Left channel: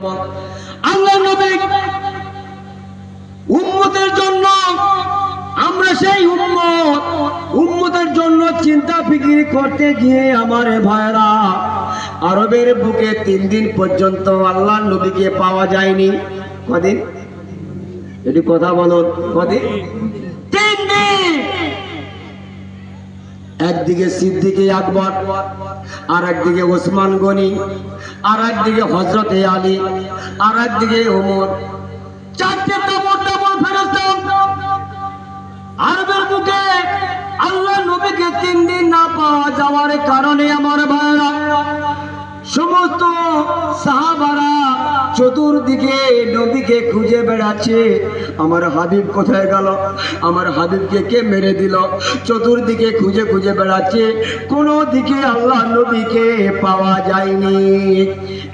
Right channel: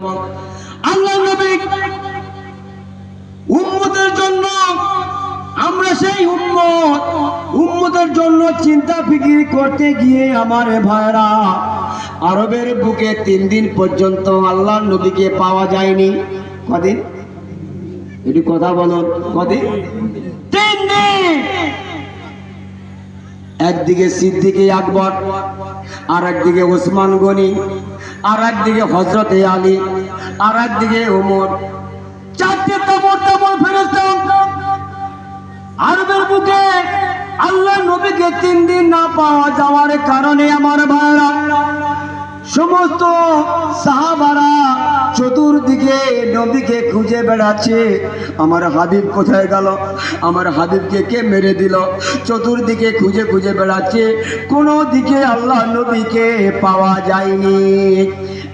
আল্লাহ নবী উম্মতের জন্য আমরা সেই উম্মতের জন্য চিন্তা ফিকির করতে গিয়ে আমার ভাইরা আরবের বুকে 3 দিন পর্যন্ত আল্লাহর নবীকে পাওয়া যায়নি। কদিন? একটু কথা বলুন, কদিন? 3 দিন। একদিকে সিদ্দিকে আকবর, আর একদিকে ওসমান গনি, আর একদিকে হযরতে আলী, আর একদিকে ওমর। 4টে তবর ফেরেশতা আরবের বুকে আল্লাহ নবীকে 3 দিন না পাওয়া যাওয়ার কারণে আমার ভাইরা সমস্ত সাহাবারা চতুর্দিকে নবীকে খুঁজে বেড়াচ্ছে। আমার হাবিব কোথায় গেল? আমার হাবিবকে কে মেরে দিল? চতুর্দিকে খুঁজে খুঁজে বেড়াচ্ছে, কোনো দিকে আল্লাহ নবীকে পাওয়া যায়নি।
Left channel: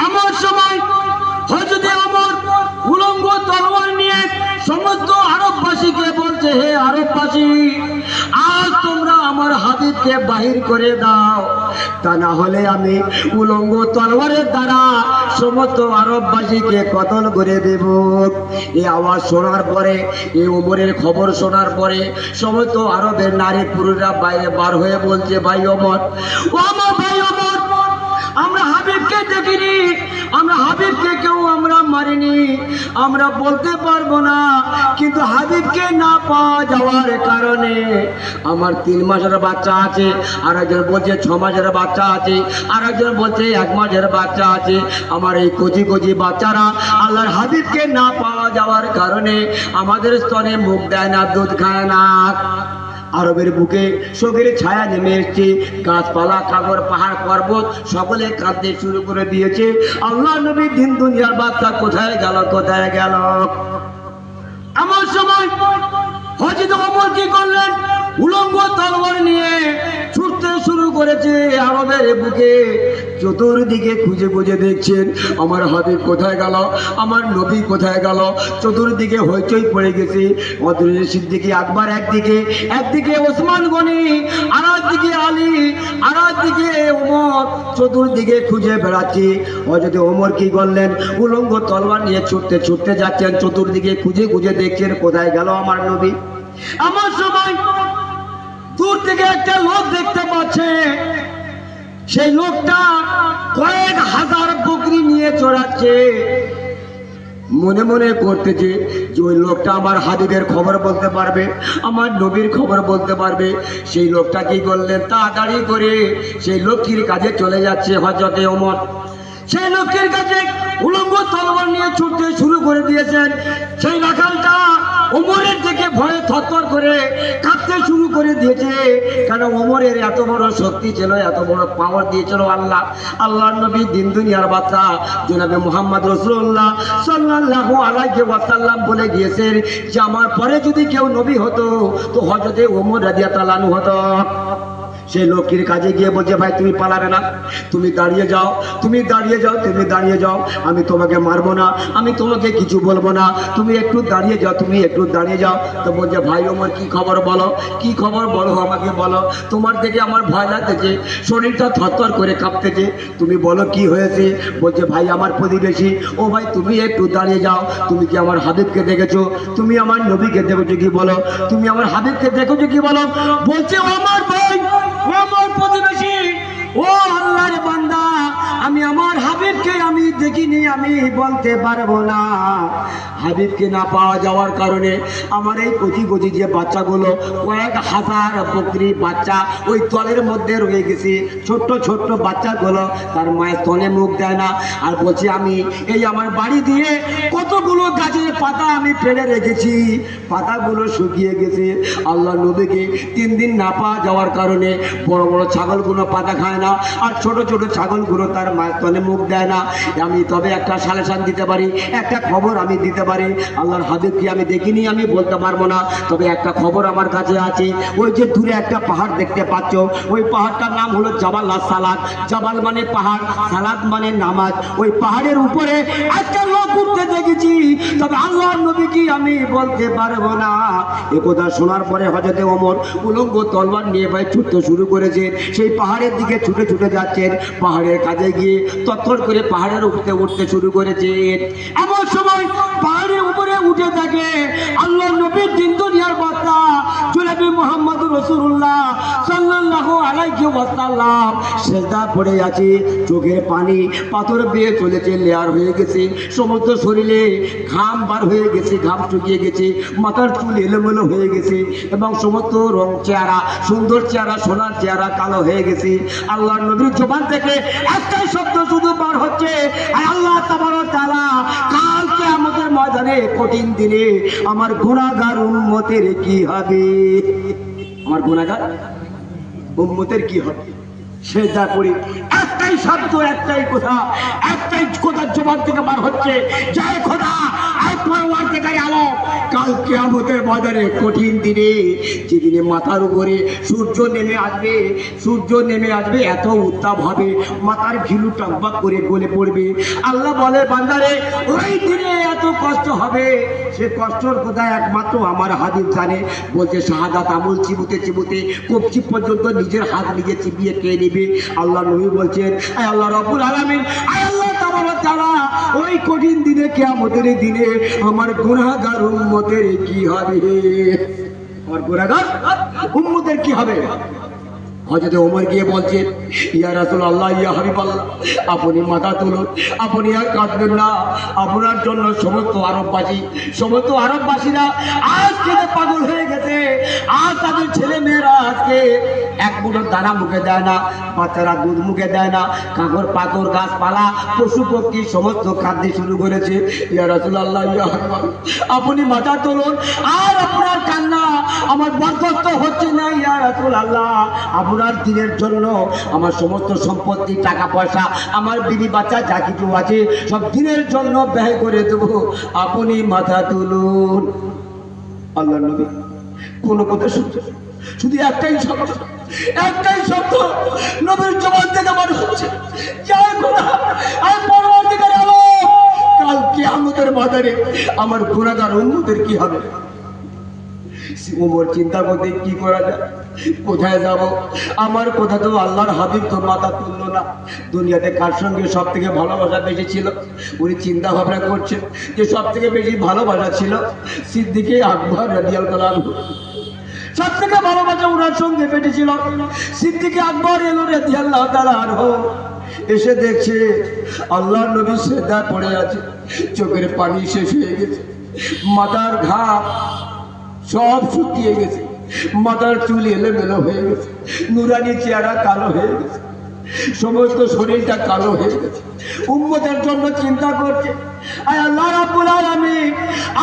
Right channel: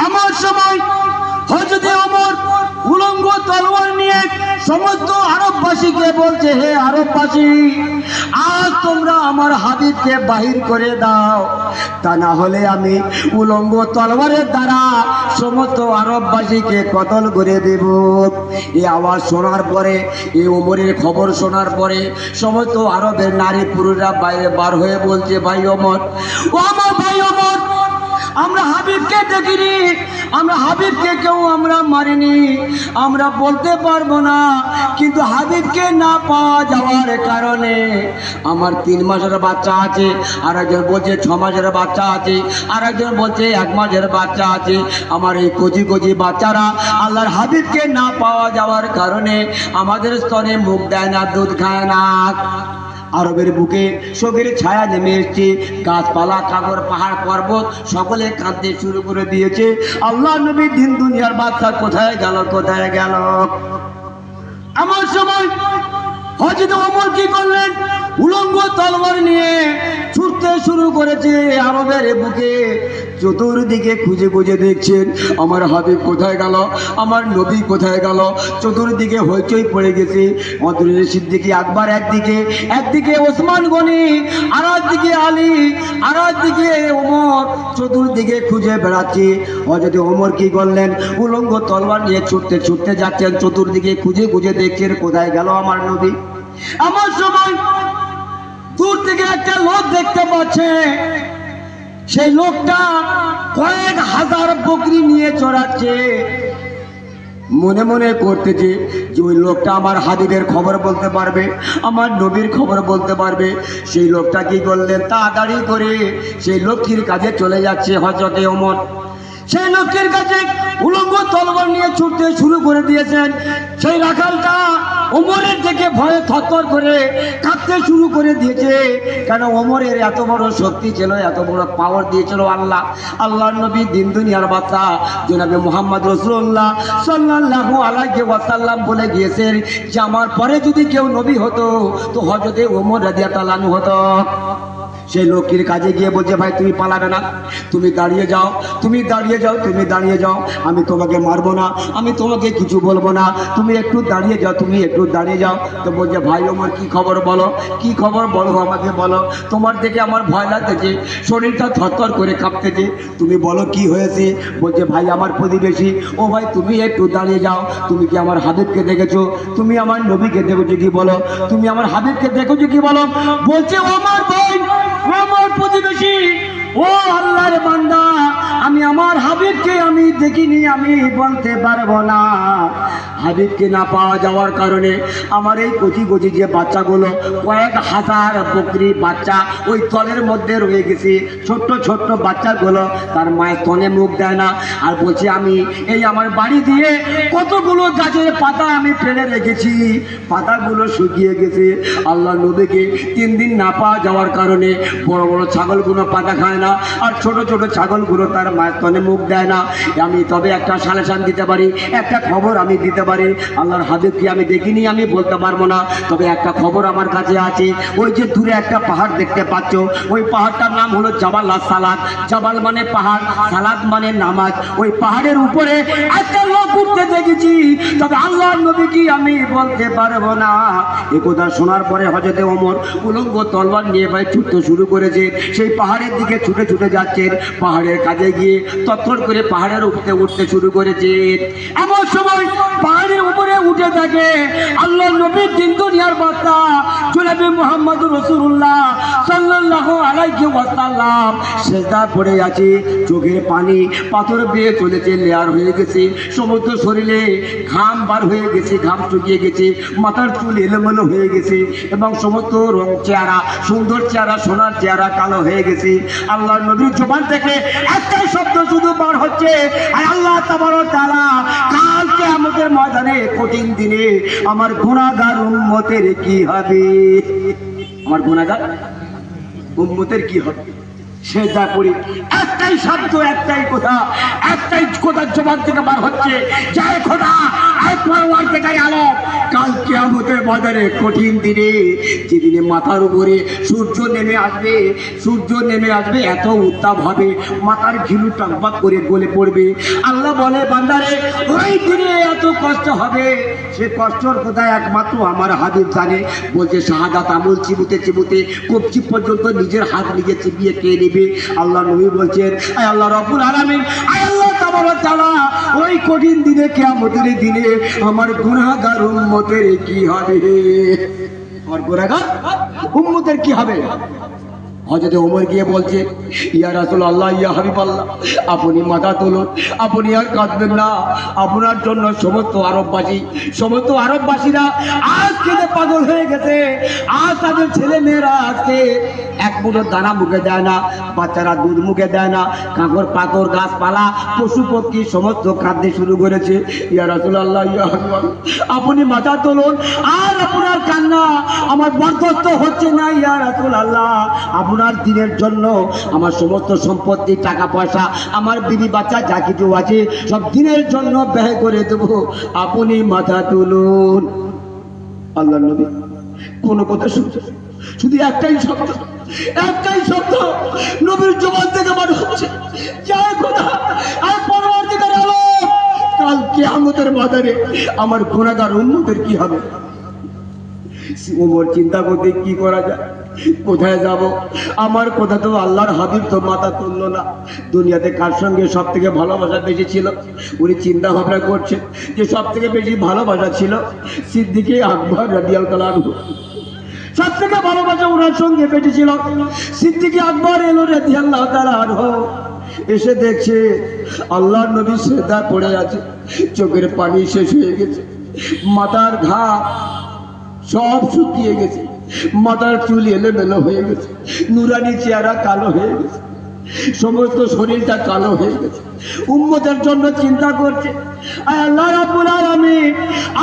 এমন সময় হযরত ওমর উলঙ্গ তলোয়ার নিয়ে সমস্ত আরববাসীকে বলছে, হে আরববাসী, আজ তোমরা আমার হাবিবকে বাহির করে দাও, তা না হলে আমি উলঙ্গ তলোয়ারের দ্বারা সমস্ত আরববাসীকে কতল করে দেব। এই আওয়াজ শোনার পরে, এই ওমরের খবর শোনার পরে সমস্ত আরবের নারী পুরুষরা বাইরে বার হয়ে বলছে, ভাই ওমর, ও আমার ভাই ওমর, আমরা হাবিবকে দেখিনি, আমরা হাবিবকে কেউ আমরা মারিনি, আমরা বলতে পারবো না, কিন্তু হাবিবকে না পাওয়া যাওয়ার কারণে আমার 3 মাসের বাচ্চা আছে, আর একজন বলছে 6 মাসের বাচ্চা আছে, আর একজন বলছে 1 মাসের বাচ্চা আছে। আমার এই কচি কচি বাচ্চারা আল্লাহর হাবিবকে না পাওয়া যাওয়ার কারণে আমাদের স্তনে মুখ দেয় না, দুধ খায় না। আরবের বুকে শোকের ছায়া নেমে এসছে, গাছপালা, খাগর, পাহাড়, পর্বত সকলে কাঁদতে শুরু করে দিয়েছে। আল্লাহ নবী দিন দুনিয়ার বাচ্চা কোথায় গেল, কোথায় গেল? এমন সময় হযরত ওমর কি করলেন? উলঙ্গ তলোয়ার নিয়ে ছুটতে শুরু করেছে আরবের বুকে। চতুর্দিকে খুঁজে খুঁজে দেখছেন আমার হাবিব কোথায় গেল, আমার নবী কোথায় গেল। চতুর্দিকে হইচই পড়ে গেছে। হযরত সিদ্দিক আকবর একদিকে ওসমান গনি, আর একদিকে আলী, আর একদিকে ওমর, চতুর্দিকে খুঁজে বেড়াচ্ছে। হযরত ওমর কি করলেন? উলঙ্গ তলোয়ার নিয়ে ছুটতে ছুটতে যাচ্ছেন, চতুর্দিকে খুঁজে খুঁজে দেখছেন কোথায় গেল আমার নবী। আমার সময় দূর থেকে একটা লোক দেখতে পাচ্ছে, সেই লোকটা কয়েক হাজার বকরি নিয়ে চড়াচ্ছে। মনে মনে করতেছে যে ওই লোকটা আমার হাবিবের খবর বলতে পারবে, আমার নবীর খবর বলতে পারবে। সেই লোকটা কি করলেন? তাড়াতাড়ি করে সেই লক্ষ্মীর কাছে চলে যাচ্ছে হযরত ওমর। সেই লক্ষ্মীর কাছে উলঙ্গ তলোয়ার নিয়ে ছুটতে শুরু করে দিয়েছেন। সেই রাখালটা ওমরের দিকে ভয়ে থরথর করে কাঁপতে শুরু করে দিয়েছে। কারণ ওমরের এত বড় শক্তি ছিল, এত বড় পাওয়ার দিয়েছিল আল্লাহ। আল্লাহর নবী দিন দুনিয়ার বাদশা জনাবে মুহাম্মদ রাসূলুল্লাহ সাল্লাল্লাহু আলাইহি ওয়াসাল্লাম বলে গিয়েছেন যে আমার পরে যদি কেউ নবী হতো তো হযরত ওমর রাদিয়াল্লাহু আনহু হতো। সেই লোকের কাছে গিয়ে বলছে, ভাই তুমি পালাবে না, তুমি দাঁড়িয়ে যাও, তুমি দাঁড়িয়ে যাও, তুমি দাঁড়িয়ে যাও, আমি তোমাকে মারবো না, আমি তোমাকে কিছু বলবো না, তুমি একটু দাঁড়িয়ে যাও, তুমি একটু দাঁড়িয়ে যাও। তো বলছে, ভাই ওমর কি খবর বলো, কি খবর বলো, আমাকে বলো, তোমার দেখে আমার ভয় লাগতেছে, শরীরটা থরথর করে কাঁপতেছে, তুমি বলো কি হয়েছে। বলছে, ভাই আমার প্রতিবেশী। ও ভাই তুমি একটু দাঁড়িয়ে যাও, তুমি কি আমার হাবিবকে দেখেছো, তুমি আমার নবীকে দেখেছো কি বলো, তুমি আমার হাবিবকে দেখেছো কি বলো। বলছে, আমার ভাই, আমার প্রতিবেশী, ও আল্লাহর বান্দা, আমি আমার হাবিবকে আমি দেখিনি, আমি বলতে পারবো না। হাবিবকে না পাওয়া যাওয়ার কারণে আমার এই কচি কচি যে বাচ্চাগুলো, কয়েক হাজার বকরি বাচ্চা ওই তলের মধ্যে রয়ে গেছে। ছোট্ট ছোট্ট বাচ্চাগুলো তার মায়ের স্তনে মুখ দেয় না। আর বলছে, আমি এই আমার বাড়ি দিয়ে কতগুলো গাছের পাতা আমি ফেলে রেখেছি, পাতাগুলো শুকিয়ে গেছে। আল্লাহ নবীকে 3 দিন না পাওয়া যাওয়ার কারণে বড় বড় ছাগলগুলো পাতা খায় না, আর ছোট ছোট ছাগলগুলো তার মায়ের স্তনে মুখ দেয় না। আমি তবে একটা সালেশান দিতে পারি, একটা খবর আমি দিতে পারি। পারে। আল্লাহর হাবিবকে আমি দেখিনি, আমি বলতে পারবো না, তবে একটা খবর আমার কাছে আছে। ওই যে দূরে একটা পাহাড় দেখতে পাচ্ছ, ওই পাহাড়টার নাম হলো জাবাল সালাত। জাবাল মানে পাহাড়, সালাত মানে নামাজ। ওই পাহাড়ের উপরে একটা লোক উঠতে দেখেছি, তবে আল্লাহর নবী কি আমি বলতে পারবো না। এ কথা শোনার পরে হযরত ওমর উলঙ্গ তলোয়ার নিয়ে ভাই ছুটতে শুরু করেছে। সেই পাহাড়ের দিকে ছুটে ছুটে যাচ্ছেন। পাহাড়ের কাছে গিয়ে তৎক্ষণ করে পাহাড়ের উপরে উঠতে শুরু করেছে। এমন সময় পাহাড়ের উপরে উঠে থাকে আল্লাহর নবীর দিন দুনিয়ার বার্তা জনাবে মুহাম্মদুর রাসূলুল্লাহ সাল্লাল্লাহু আলাইহি ওয়াসাল্লাম সিজদা পড়ে আছে, চোখের পানি পাথর বেয়ে চলেছে, লেয়ার হয়ে গেছে, সমস্ত শরীরে ঘাম বার হয়ে গেছে, ঘাম শুকিয়ে গেছে, মাথার চুল এলোমেলো হয়ে গেছে এবং সমস্ত রং চেহারা, সুন্দর চেহারা, সোনার চেহারা কালো হয়ে গেছে। আল্লাহর নবীর জবান থেকে একটাই শব্দ শুধু বার হচ্ছে, আল্লাহ তাবারক ওয়া তাআলা কাল কিয়ামতের ময়দানে কঠিন দিনে আমার গুনাহগার উম্মতের কি হবে? আমার গুনাহগার উম্মতের কি হবে? সেজদা করি একটাই শব্দ, একটাই কথা, একটাই কথার জবাব থেকে বার হচ্ছে, জয় খোদা আয় পরওয়ার থেকে আলো কাল কিয়ামতের বাজারে কঠিন দিনে, যেদিনে মাথার উপরে সূর্য নেমে আসবে, সূর্য নেমে আসবে, এত উত্তাপ হবে, মাথার ঘিলু টকবক করে গলে পড়বে। আল্লাহ বলে বান্দারে ওই দিনে এত কষ্ট হবে, সে কষ্টর কথা একমাত্র আমার হাবিব জানে। বলছে শাহাদাত আমল চিবুতে চিবুতে কবজি পর্যন্ত নিজের হাত নিজে চিবিয়ে খেয়ে নেবে। আল্লাহ নবী বলছেন আয় আল্লাহ রাব্বুল আলামিন, আয় আল্লাহ তাবারক ওয়া তাআলা ওই কঠিন দিনে কিয়ামতের দিনে আমার গুনাহগার উম্মতের কি হবে? আমার গুনাহগার উম্মতের কি হবে? হযরত ওমর গিয়ে বলছে ইয়া রাসূলুল্লাহ, ইয়া হাবিবাল্লাহ, আপনি মাথা তুলুন, আপনি আর কাঁদবেন না। আপনার জন্য সমস্ত আরববাসীরা আজ কেঁদে পাগল হয়ে গেছে। আজ তাদের ছেলে মেয়েরা আজকে এক মুঠো দানা মুখে দেয় না, বাচ্চারা দুধ মুখে দেয় না, কাঁকড় পাথর গাছপালা পশু পক্ষী সমস্ত কাঁদতে শুরু করেছে। ইয়া রাসূলুল্লাহ, ইয়া হাবিবাল্লাহ, আপনি মাথা তুলুন, আর আপনার কান্না আমার বরদাস্ত হচ্ছে না। ইয়া রাসূলুল্লাহ, আপনার দিনের জন্য আমার সমস্ত সম্পত্তি, টাকা পয়সা, আমার বিবি বাচ্চা যা কিছু আছে সব দিনের জন্য ব্যয় করে দেবো, আপনি মাথা তুলুন। আল্লাহর নবী কোনো কথা শুনছে, শুধু একটাই শব্দ, একটাই শব্দ নবীর জবান থেকে বার হচ্ছে, জয় খোদা আর পরবর্তীকালে আলো কাল কিয়ামতের বাজারে আমার গুনাহগার উম্মতের কি হবে? ওমর চিন্তা করতে কি করা যায়, কোথায় যাব? আমার কথা তো আল্লাহর হাবিব তো মাথা তুললো না। দুনিয়াতে কার সঙ্গে সব থেকে ভালোবাসা বেশি ছিল? উনি চিন্তা ভাবনা করছেন যে সব থেকে বেশি ভালোবাসা ছিল সিদ্দিকে আকবর রাদিয়াল্লাহু আনহু। সব থেকে ভালোবাসা ওনার সঙ্গে বেটেছিল। সিদ্দিকে আকবর এলো রাদিয়াল্লাহু তাআলা আনহু, এসে দেখছে আল্লাহর নবী সিজদা পড়ে আছে, চোখের পানি শেষ হয়ে গেছে, মাথার ঘাম সব শুকিয়ে গেছে, মাথার চুল এলোমেলো হয়ে গেছে, নুরানি চেহারা কালো হয়ে গেছে, সমস্ত শরীরটা কালো হয়ে গেছে। উম্মতের জন্য চিন্তা করছে। আর আল্লাহ রাব্বুল আলামিন,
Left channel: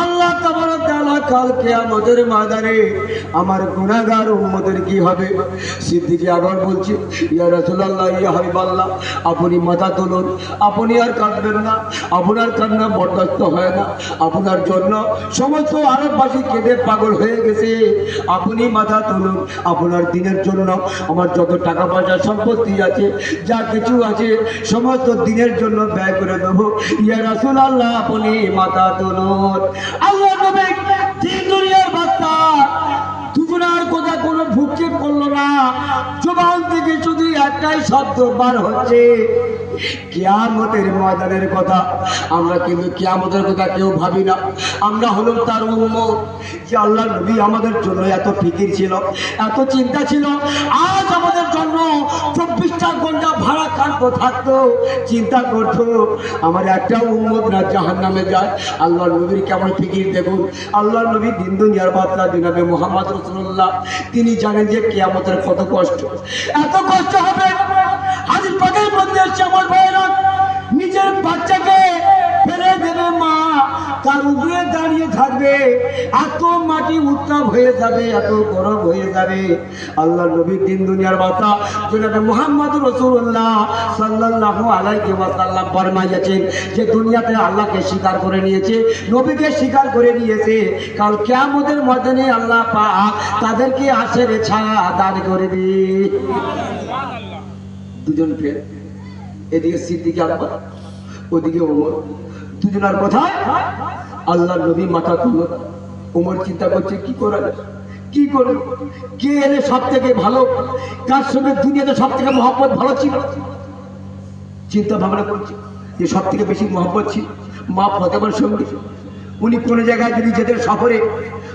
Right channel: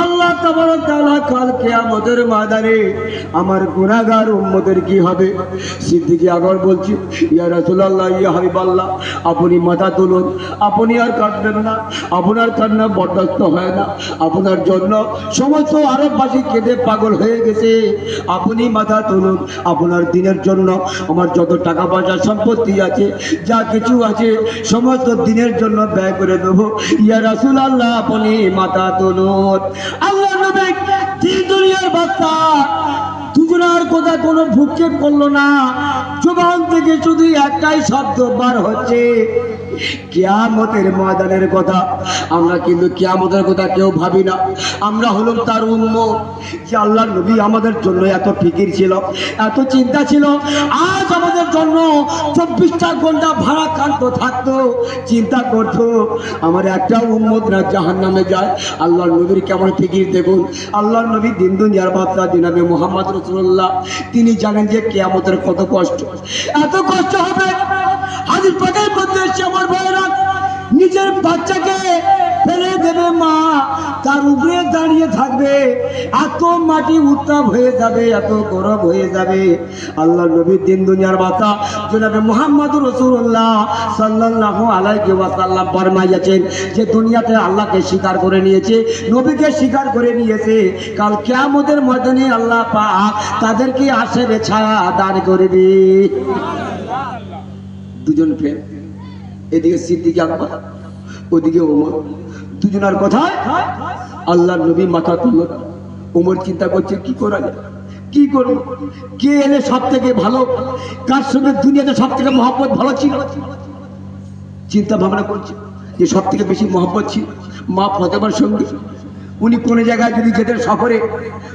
আল্লাহ তাবারক তাআলা কাল কিয়ামতের ময়দানে আমার গুনাহগার উম্মতের কি হবে? সিদ্দিকে আবার বলছে ইয়া রাসূলুল্লাহ, ইয়া হাবিবাল্লাহ, আপনি মাথা তুলুন, আপনি আর কাঁদবেন না, আপনার কান্না বরদাস্ত হয় না, আপনার জন্য সমস্ত আরববাসী কেঁদে পাগল হয়ে গেছে, আপনি মাথা তুলুন, আপনার দিনের জন্য আমার যত টাকা পয়সা সম্পত্তি আছে, যা কিছু আছে সমস্ত দিনের জন্য ব্যয় করে দেবো। ইয়া রাসূলুল্লাহ, আপনি মাথা তুলুন। আল্লাহ নবী দিন দুনিয়ার বার্তা দুজনের কথা কোনো ভ্রুক্ষেপ করলো না, জবান থেকে শুধু একটাই শব্দ বার হচ্ছে, কিয়ামতের ময়দানের কথা। আমরা কিন্তু কিয়ামতের কথা কেউ ভাবি না। আমরা হলাম তার উম্মত। যে আল্লাহর নবী আমাদের জন্য এত ফিকির ছিল, এত চিন্তা ছিল, আজ আমাদের জন্য 24টা ঘন্টা ভাড়া কাটতো থাকতো, চিন্তা করতো আমার একটা উম্মত না জাহান্নামে যায়। আল্লাহর নবীর কেমন ফিকির দেখুন। আল্লাহর নবী দিন দুনিয়ার বার্তা জনাবে মুহাম্মদ রাসূলুল্লাহ, তিনি জানেন যে কিয়ামতের কত কষ্ট, এত কষ্ট হবে। হাদিস পাকের মধ্যে এসেছে আমার ভাইরা, নিজের বাচ্চাকে ফেলে দেবে মা, তার উপরে দাঁড়িয়ে থাকবে, এত মাটি উত্তাপ হয়ে যাবে, এত গরম হয়ে যাবে। আল্লাহ নবীর দিন দুনিয়ার কথা জনাবে মুহাম্মদুর রাসূলুল্লাহ সাল্লাল্লাহু আলাইহি ওয়াসাল্লাম ফরমাইয়াছেন যে দুনিয়াতে আল্লাহকে স্বীকার করে নিয়েছে, নবীকে স্বীকার করে নিয়েছে, কাল কিয়ামতের ময়দানে আল্লাহ পাক তাদেরকে আশের ছায়া দান করে দিবে। দুজন ফের, এদিকে সিদ্দিক আকবর, ওদিকে ওমর, দুজনের কথায় আল্লাহর নবী মাথা তুলল। ওমর চিন্তা করছে কি করা যায়, কি করব, কে এলে সব থেকে ভালো, কার সঙ্গে দুনিয়াতে সব থেকে মহব্বত ভালো ছিল। চিন্তা ভাবনা করছে যে সব থেকে বেশি মহব্বত ছিল মা ফাতেমার সঙ্গে। উনি কোন জায়গায় যদি যেতেন সফরে,